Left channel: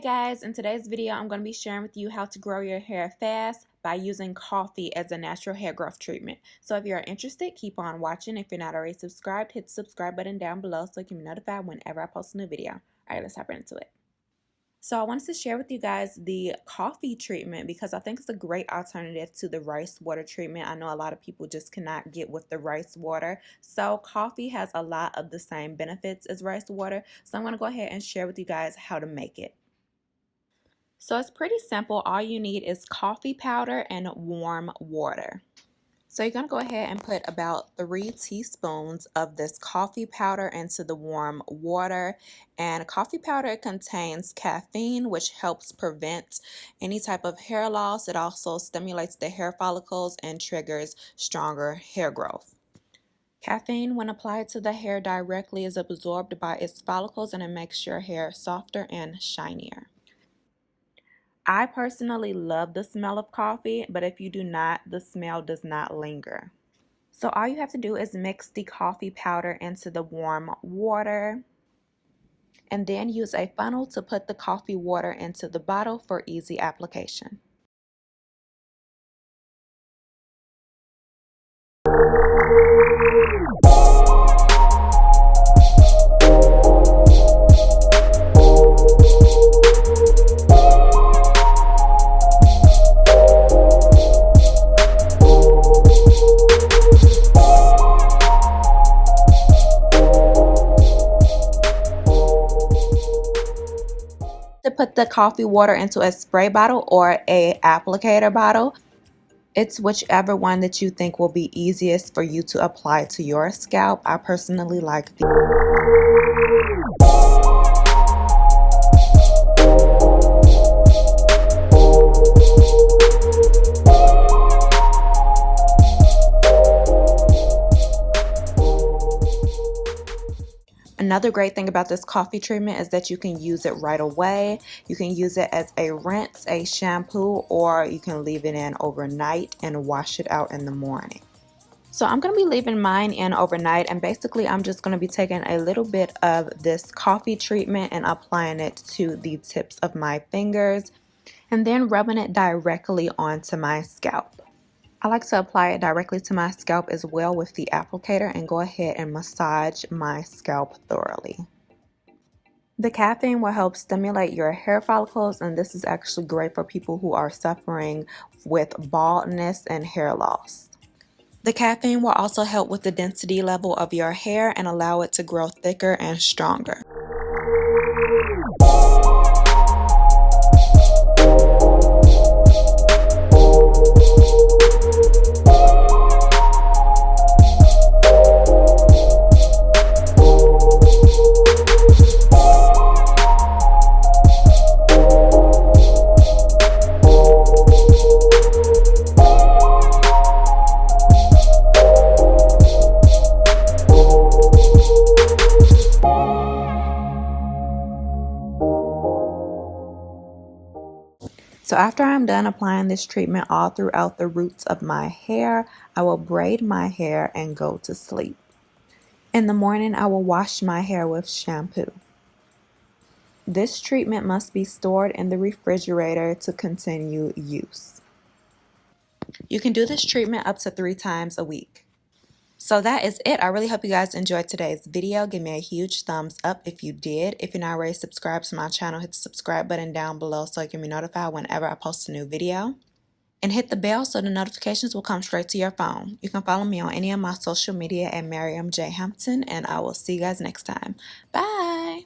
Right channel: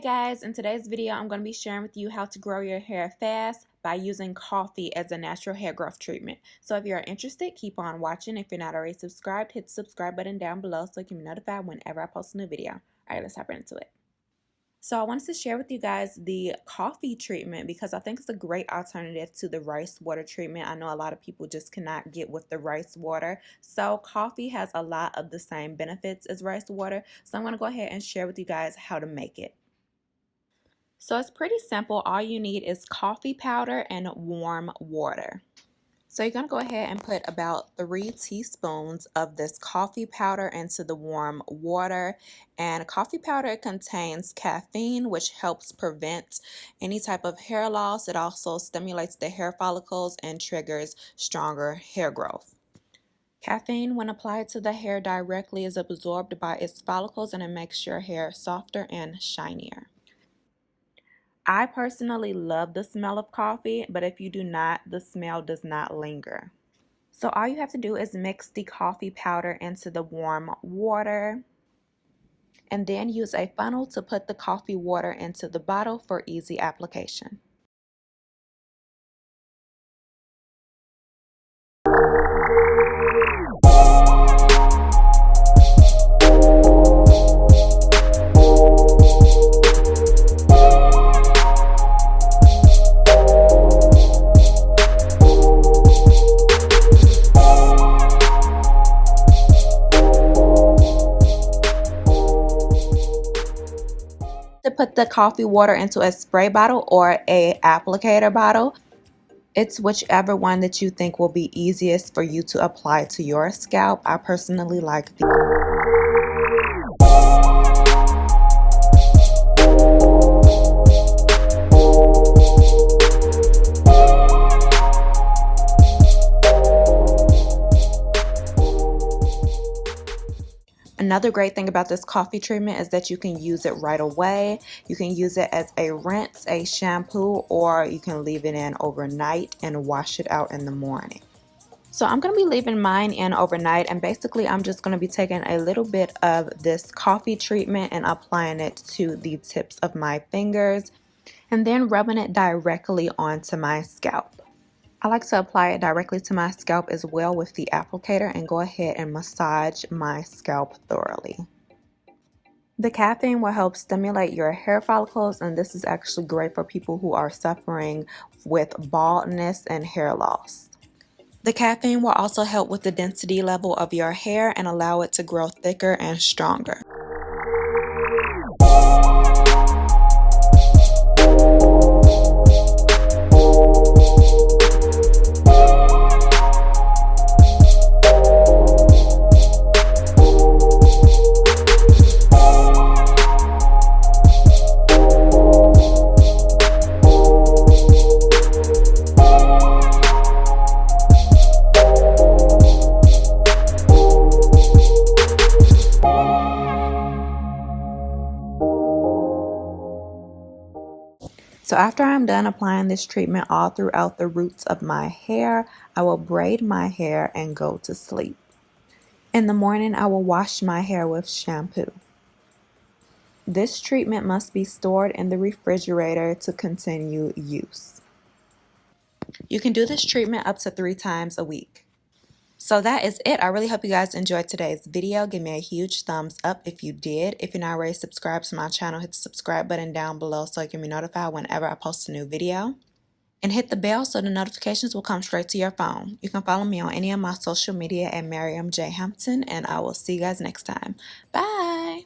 Hey guys, in today's video I'm going to be sharing with you how to grow your hair fast by using coffee as a natural hair growth treatment. So if you're interested, keep on watching. If you're not already subscribed, hit the subscribe button down below so you can be notified whenever I post a new video. Alright, let's hop right into it. So I wanted to share with you guys the coffee treatment because I think it's a great alternative to the rice water treatment. I know a lot of people just cannot get with the rice water. So coffee has a lot of the same benefits as rice water. So I'm going to go ahead and share with you guys how to make it. So it's pretty simple. All you need is coffee powder and warm water. So you're going to go ahead and put about 3 teaspoons of this coffee powder into the warm water. And coffee powder contains caffeine, which helps prevent any type of hair loss. It also stimulates the hair follicles and triggers stronger hair growth. Caffeine, when applied to the hair directly, is absorbed by its follicles and it makes your hair softer and shinier. I personally love the smell of coffee, but if you do not, the smell does not linger. So all you have to do is mix the coffee powder into the warm water and then use a funnel to put the coffee water into the bottle for easy application. To put the coffee water into a spray bottle or a applicator bottle. It's whichever one that you think will be easiest for you to apply to your scalp. I personally like the Another great thing about this coffee treatment is that you can use it right away. You can use it as a rinse, a shampoo, or you can leave it in overnight and wash it out in the morning. So I'm going to be leaving mine in overnight, and basically I'm just going to be taking a little bit of this coffee treatment and applying it to the tips of my fingers and then rubbing it directly onto my scalp. I like to apply it directly to my scalp as well with the applicator and go ahead and massage my scalp thoroughly. The caffeine will help stimulate your hair follicles, and this is actually great for people who are suffering with baldness and hair loss. The caffeine will also help with the density level of your hair and allow it to grow thicker and stronger. So after I'm done applying this treatment all throughout the roots of my hair, I will braid my hair and go to sleep. In the morning, I will wash my hair with shampoo. This treatment must be stored in the refrigerator to continue use. You can do this treatment up to 3 times a week. So that is it. I really hope you guys enjoyed today's video. Give me a huge thumbs up if you did. If you're not already subscribed to my channel, hit the subscribe button down below so you can be notified whenever I post a new video. And hit the bell so the notifications will come straight to your phone. You can follow me on any of my social media at Miriam J. Hampton, and I will see you guys next time. Bye!